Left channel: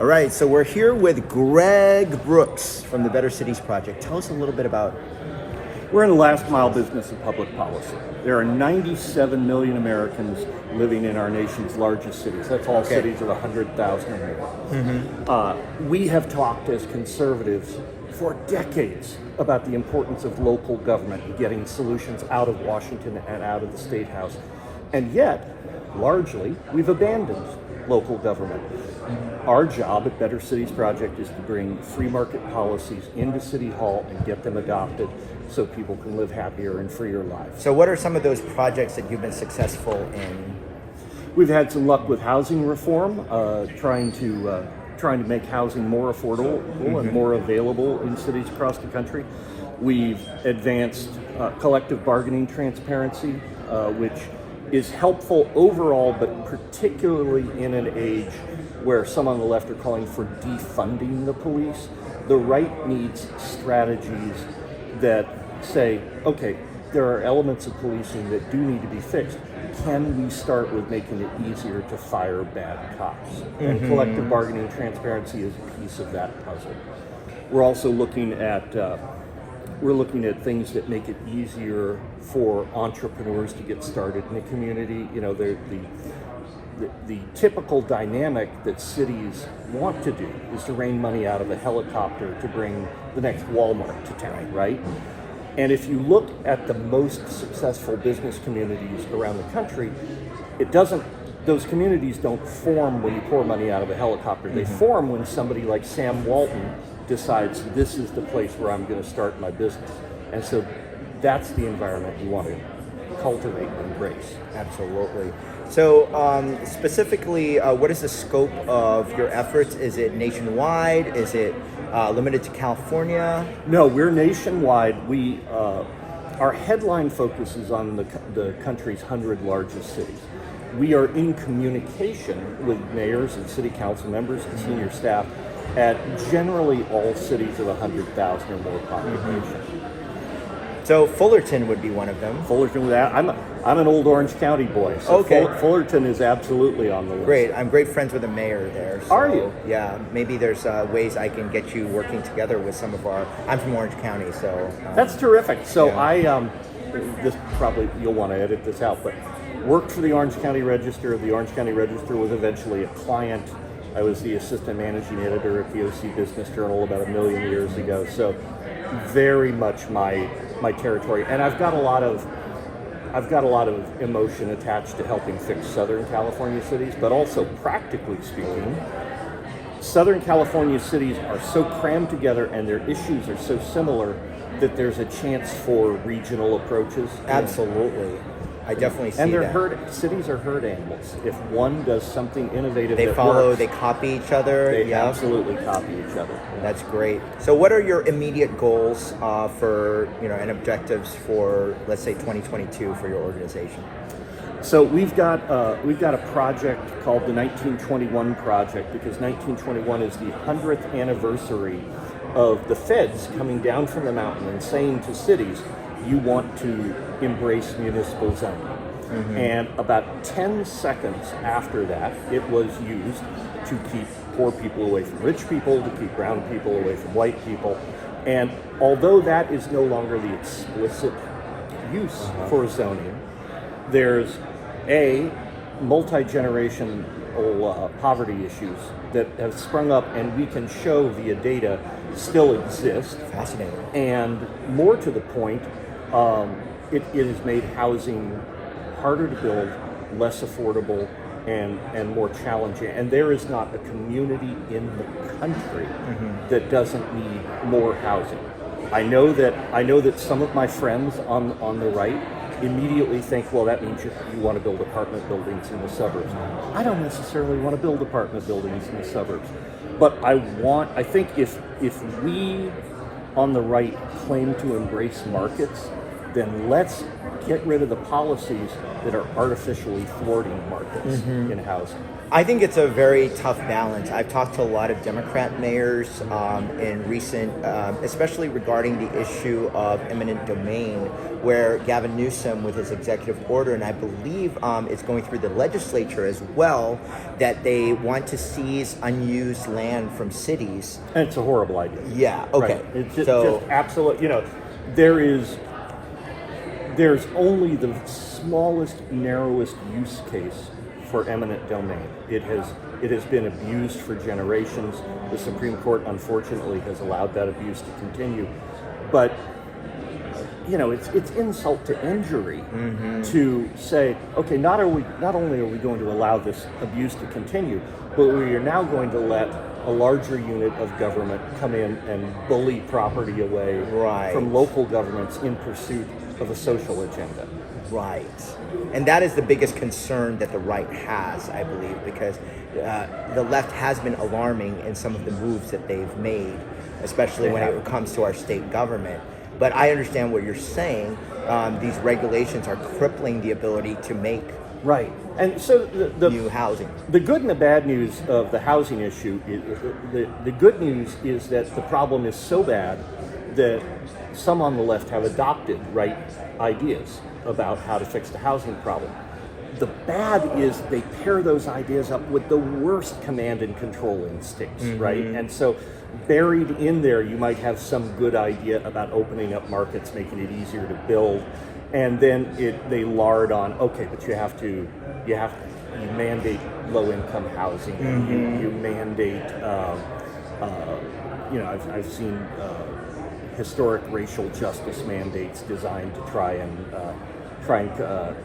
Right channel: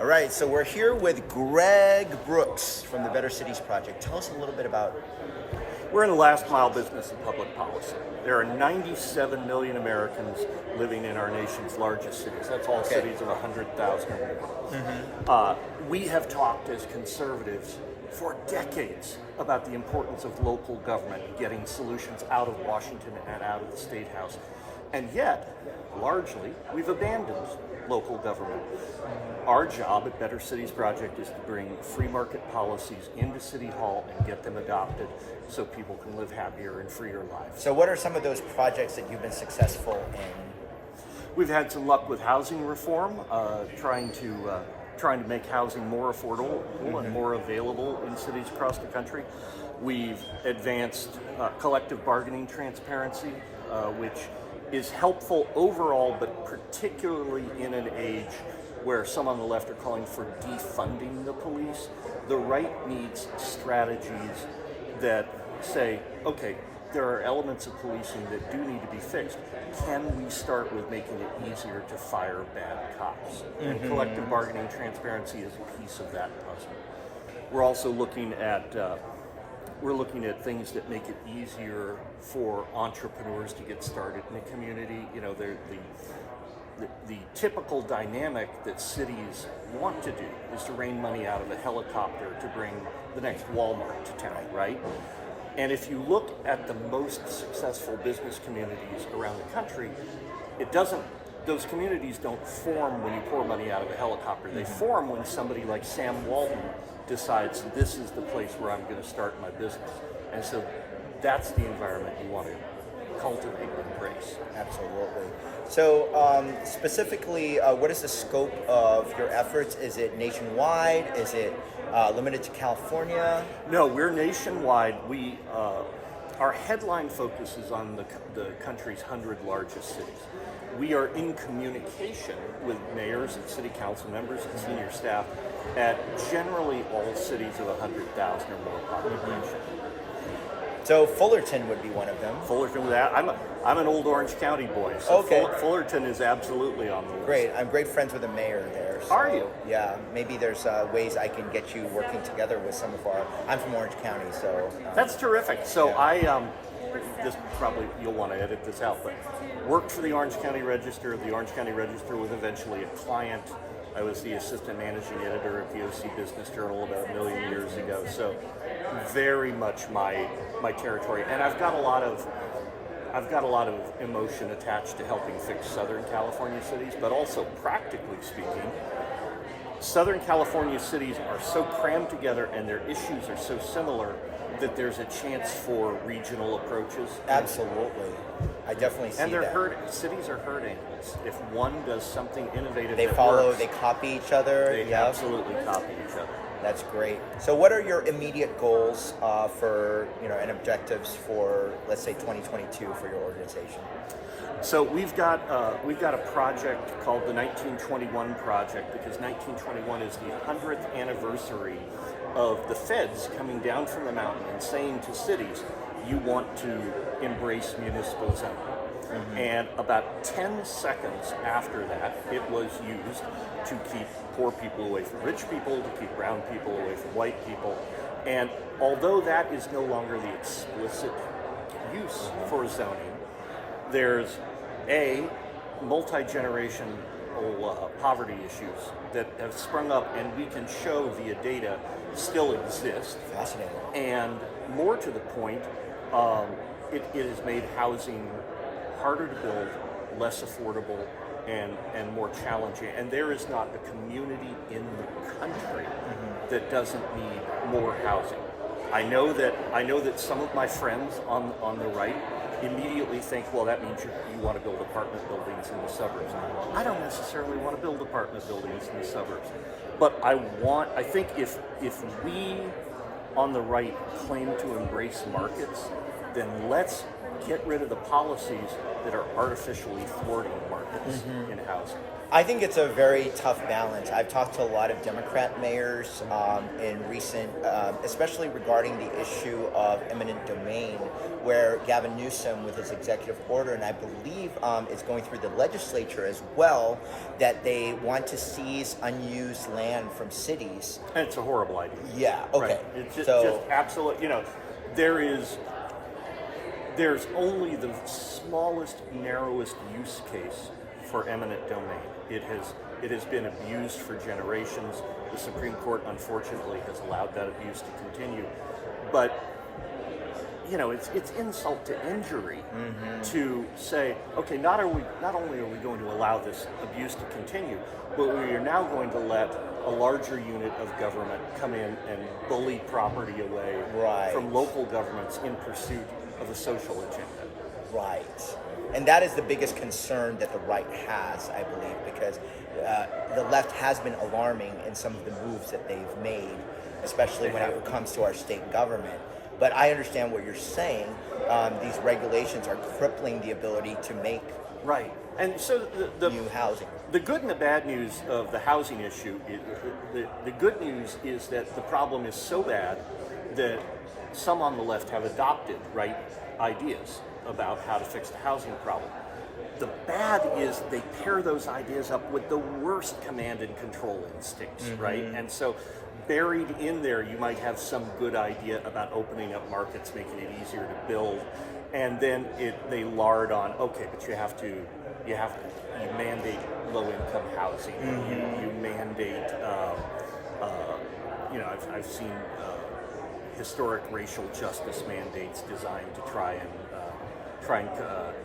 All right, so we're here with Greg Brooks from the Better Cities Project. Tell us a little bit about it. We're in the last mile business of public policy. There are 97 million Americans living in our nation's largest cities. That's all cities of 100,000 or more. We have talked as conservatives for decades about the importance of local government and getting solutions out of Washington and out of the State House. And yet, largely, we've abandoned local government. Our job at Better Cities Project is to bring free market policies into City Hall and get them adopted so people can live happier and freer lives. So what are some of those projects that you've been successful in? We've had some luck with housing reform, trying to make housing more affordable and more available in cities across the country. We've advanced collective bargaining transparency, which is helpful overall, but particularly in an age where some on the left are calling for defunding the police. The right needs strategies that say, okay, there are elements of policing that do need to be fixed. Can we start with making it easier to fire bad cops? And collective bargaining transparency is a piece of that puzzle. We're also looking at things that make it easier for entrepreneurs to get started in a community. You know, the typical dynamic that cities want to do is to rain money out of a helicopter to bring the next Walmart to town, right? And if you look at the most successful business communities around the country, those communities don't form when you pour money out of a helicopter. They form when somebody like Sam Walton decides this is the place where I'm going to start my business. And so that's the environment you want to cultivate and embrace. Absolutely. So specifically, what is the scope of your efforts? Is it nationwide? Is it limited to California? No, we're nationwide. Our headline focus is on the country's 100 largest cities. We are in communication with mayors and city council members and senior staff at generally all cities of 100,000 or more population. So Fullerton would be one of them. Fullerton, with that, I'm an old Orange County boy, so Fullerton is absolutely on the list. Great, I'm great friends with the mayor there. So, are you? Yeah, maybe there's ways I can get you working together with some of I'm from Orange County, so. That's terrific. So this probably, you'll want to edit this out, but worked for the Orange County Register. The Orange County Register was eventually a client. I was the assistant managing editor at the OC Business Journal about 1 million years ago. So very much my territory, and I've got a lot of emotion attached to helping fix Southern California cities, but also practically speaking, Southern California cities are so crammed together and their issues are so similar that there's a chance for regional approaches. Absolutely. I definitely see and that. Cities are herd animals. If one does something innovative they that follow, works, they copy each other. They absolutely copy each other. That's great. So what are your immediate goals for, and objectives for, let's say, 2022 for your organization? So we've got a project called the 1921 Project, because 1921 is the 100th anniversary of the feds coming down from the mountain and saying to cities, you want to embrace municipal zoning. And about 10 seconds after that, it was used to keep poor people away from rich people, to keep brown people away from white people. And although that is no longer the explicit use for zoning, there's multi-generational poverty issues that have sprung up, and we can show via data still exist. Fascinating. And more to the point, it has made housing harder to build, less affordable, and more challenging. And there is not a community in the country that doesn't need more housing. I know that some of my friends on the right immediately think, well, that means you want to build apartment buildings in the suburbs. I don't necessarily want to build apartment buildings in the suburbs, but I think if we on the right claim to embrace markets, then let's get rid of the policies that are artificially thwarting markets in housing. I think it's a very tough balance. I've talked to a lot of Democrat mayors in recent, especially regarding the issue of eminent domain, where Gavin Newsom, with his executive order, and I believe it's going through the legislature as well, that they want to seize unused land from cities. And it's a horrible idea. Yeah, okay. Right. It's just absolute, there's only the smallest, narrowest use case for eminent domain. It has been abused for generations. The Supreme Court, unfortunately, has allowed that abuse to continue. But it's insult to injury to say, okay, not only are we going to allow this abuse to continue, but we are now going to let a larger unit of government come in and bully property away from local governments in pursuit of a social agenda. Right. And that is the biggest concern that the right has, I believe, because the left has been alarming in some of the moves that they've made, especially when it comes to our state government. But I understand what you're saying. These regulations are crippling the ability to make And so the new housing. The good and the bad news of the housing issue, the good news is that the problem is so bad that some on the left have adopted right ideas about how to fix the housing problem. The bad is they pair those ideas up with the worst command and control instincts, right? And so buried in there, you might have some good idea about opening up markets, making it easier to build, and then they lard on, okay, but you mandate low-income housing, you mandate, I've seen historic racial justice mandates designed to try and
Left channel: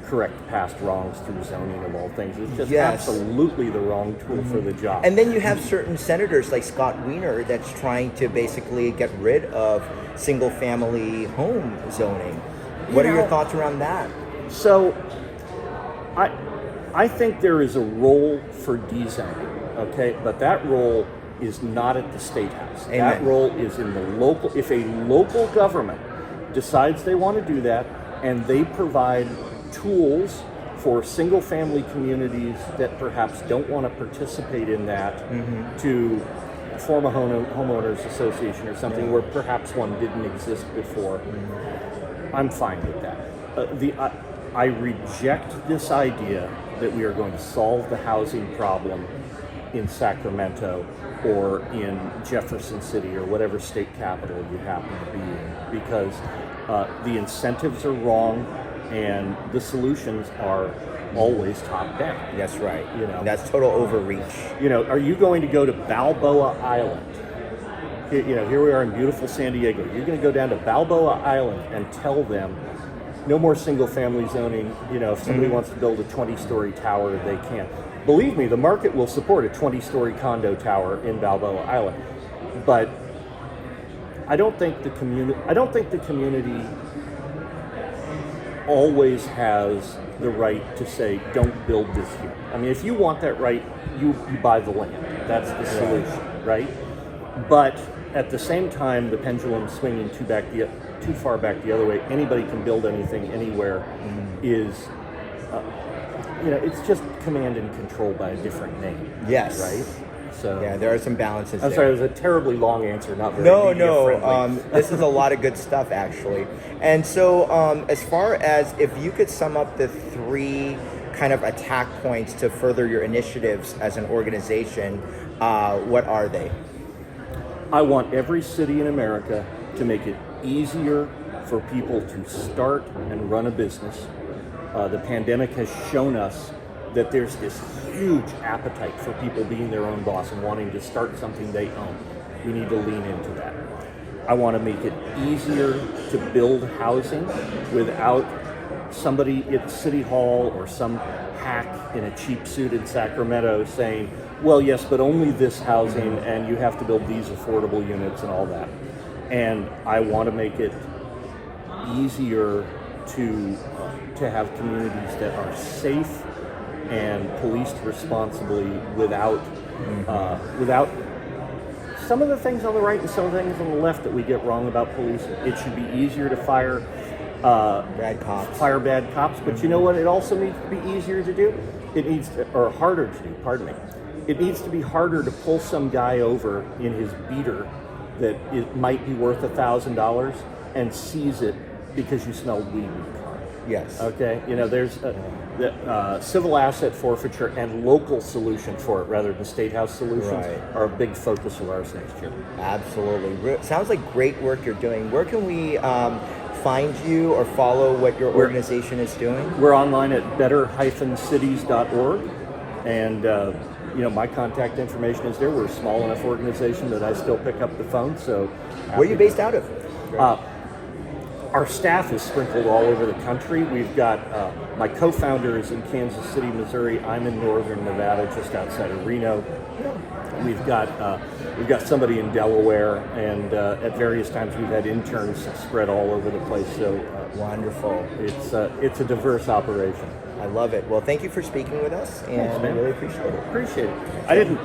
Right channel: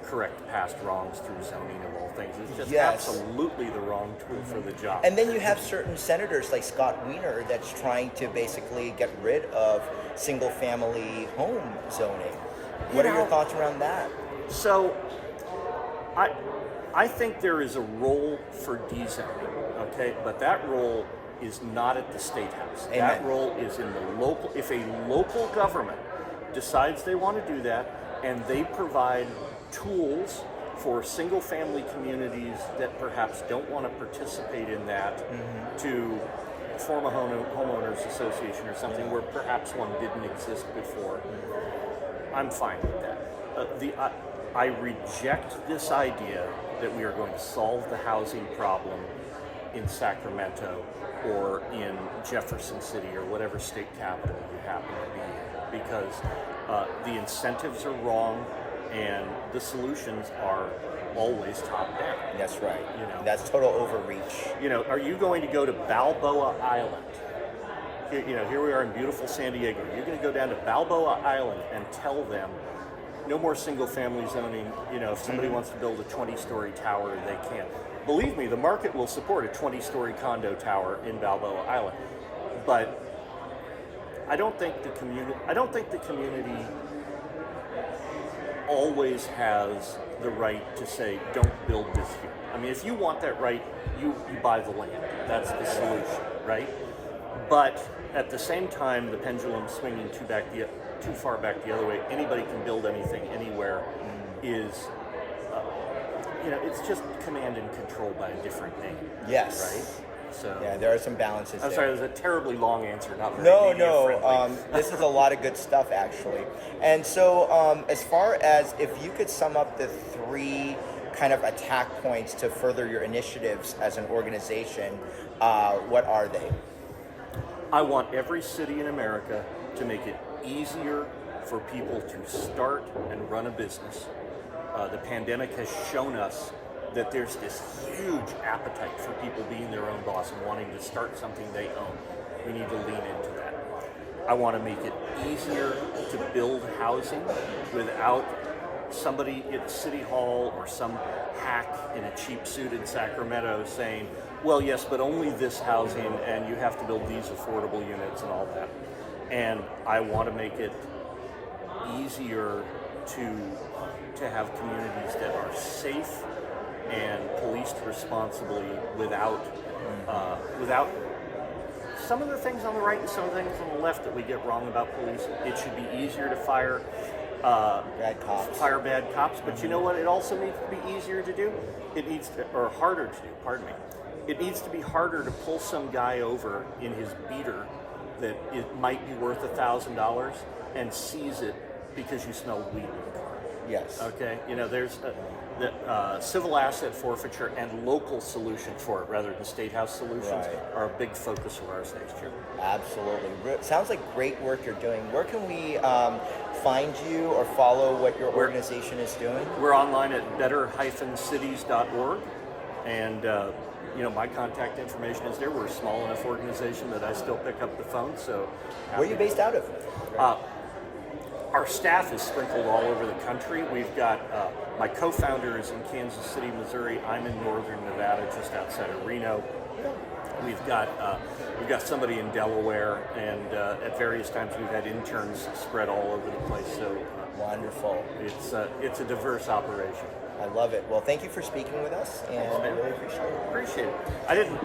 correct past wrongs through zoning of all things. It's just absolutely the wrong tool for the job. And then you have certain senators like Scott Wiener that's trying to basically get rid of single-family home zoning. What are your thoughts around that? So, I think there is a role for dezoning, okay? But that role is not at the State House. Amen. That role is in the local. If a local government decides they want to do that, and they provide tools for single-family communities that perhaps don't want to participate in that to form a homeowners association or something where perhaps one didn't exist before, I'm fine with that. I reject this idea that we are going to solve the housing problem in Sacramento or in Jefferson City or whatever state capital you happen to be in, because the incentives are wrong and the solutions are always top down. That's right. That's total overreach. Are you going to go to Balboa Island? Here we are in beautiful San Diego. You're going to go down to Balboa Island and tell them no more single-family zoning. If somebody wants to build a 20-story tower, they can. Believe me, the market will support a 20-story condo tower in Balboa Island, but I don't think the community always has the right to say, don't build this here. I mean, if you want that right, you buy the land. That's the solution, right? But at the same time, the pendulum swinging too far back the other way, anybody can build anything anywhere is, it's just command and control by a different name. Yes. Right? So yeah, there are some balances. I'm sorry, it was a terribly long answer, not very media friendly. This is a lot of good stuff, actually. And so, as far as if you could sum up the three kind of attack points to further your initiatives as an organization, what are they? I want every city in America to make it easier for people to start and run a business. The pandemic has shown us that there's this huge appetite for people being their own boss and wanting to start something they own. We need to lean into that. I want to make it easier to build housing without somebody at City Hall or some hack in a cheap suit in Sacramento saying, well, yes, but only this housing and you have to build these affordable units and all that. And I want to make it easier to have communities that are safe and policed responsibly without some of the things on the right and some of the things on the left that we get wrong about policing. It should be easier to fire Bad cops. hire bad cops. But you know what? It also needs to be easier to do. It needs to, or harder to do. Pardon me. It needs to be harder to pull some guy over in his beater that it might be worth $1,000 and seize it because you smelled weed in the car. Yes. Okay. You know, there's civil asset forfeiture and local solutions for it rather than state house solutions are a big focus of ours next year. Absolutely. Sounds like great work you're doing. Where can we find you or follow what your organization is doing? We're online at better-cities.org, and you know, my contact information is there. We're a small enough organization that I still pick up the phone. So, where are you based out of? Our staff is sprinkled all over the country. We've got my co-founder is in Kansas City, Missouri. I'm in northern Nevada, just outside of Reno. We've got somebody in Delaware, and at various times we've had interns spread all over the place. So wonderful. It's a diverse operation. I love it. Well, thank you for speaking with us. And Thanks, man. I really appreciate it. Appreciate it. I didn't